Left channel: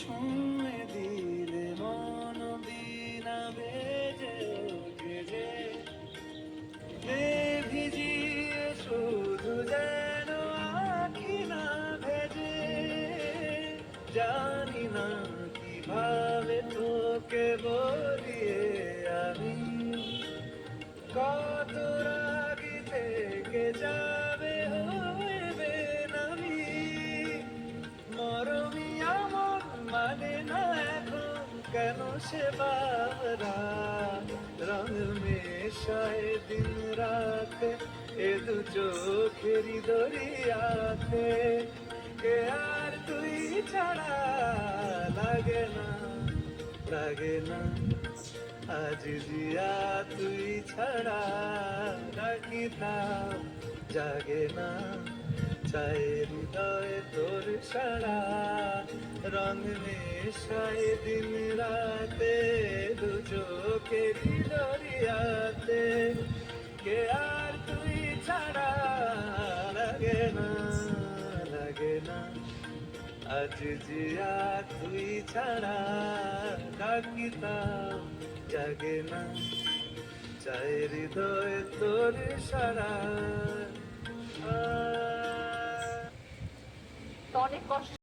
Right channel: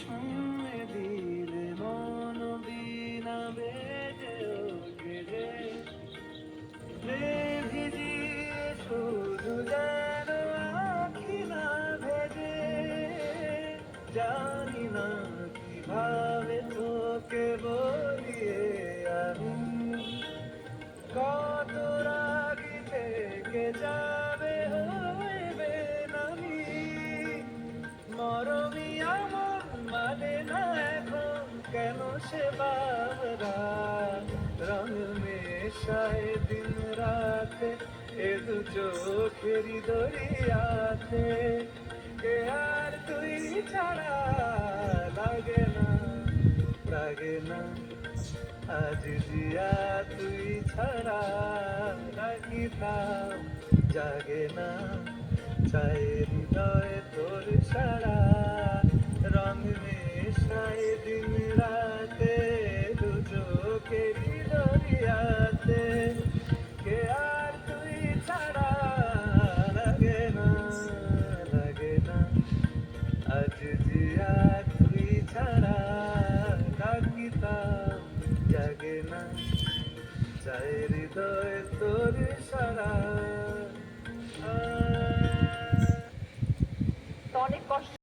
ছুঁয়ে দিলে মন বিনা বেজে ওঠে যে ভিজিয়ে শুধু যেন আঁখি না ভেজে জানি না কিভাবে তোকে বলিয়ে আমি কত রাগি থেকে যাবে হইবে নামি মরমি আমন মানে না এখন কেন সে বাবরা রঙ মেশায় দিন রাতে এ দু চোখেরি দরিয়াতে কে আর তুই ছাড়া লাগে না আজ জিয়া তুই ছাড়া ডাকিতাম জাগে না চাই হৃদয় তোর সারা রং মেশায় দিন রাতে দু চোখেরি দরিয়াতে কে আর তুই ছাড়া লাগে না আজ জিয়া তুই ছাড়া ডাকিতাম জাগে না চাই হৃদয় তোর সারা তো অনেক কষ্ট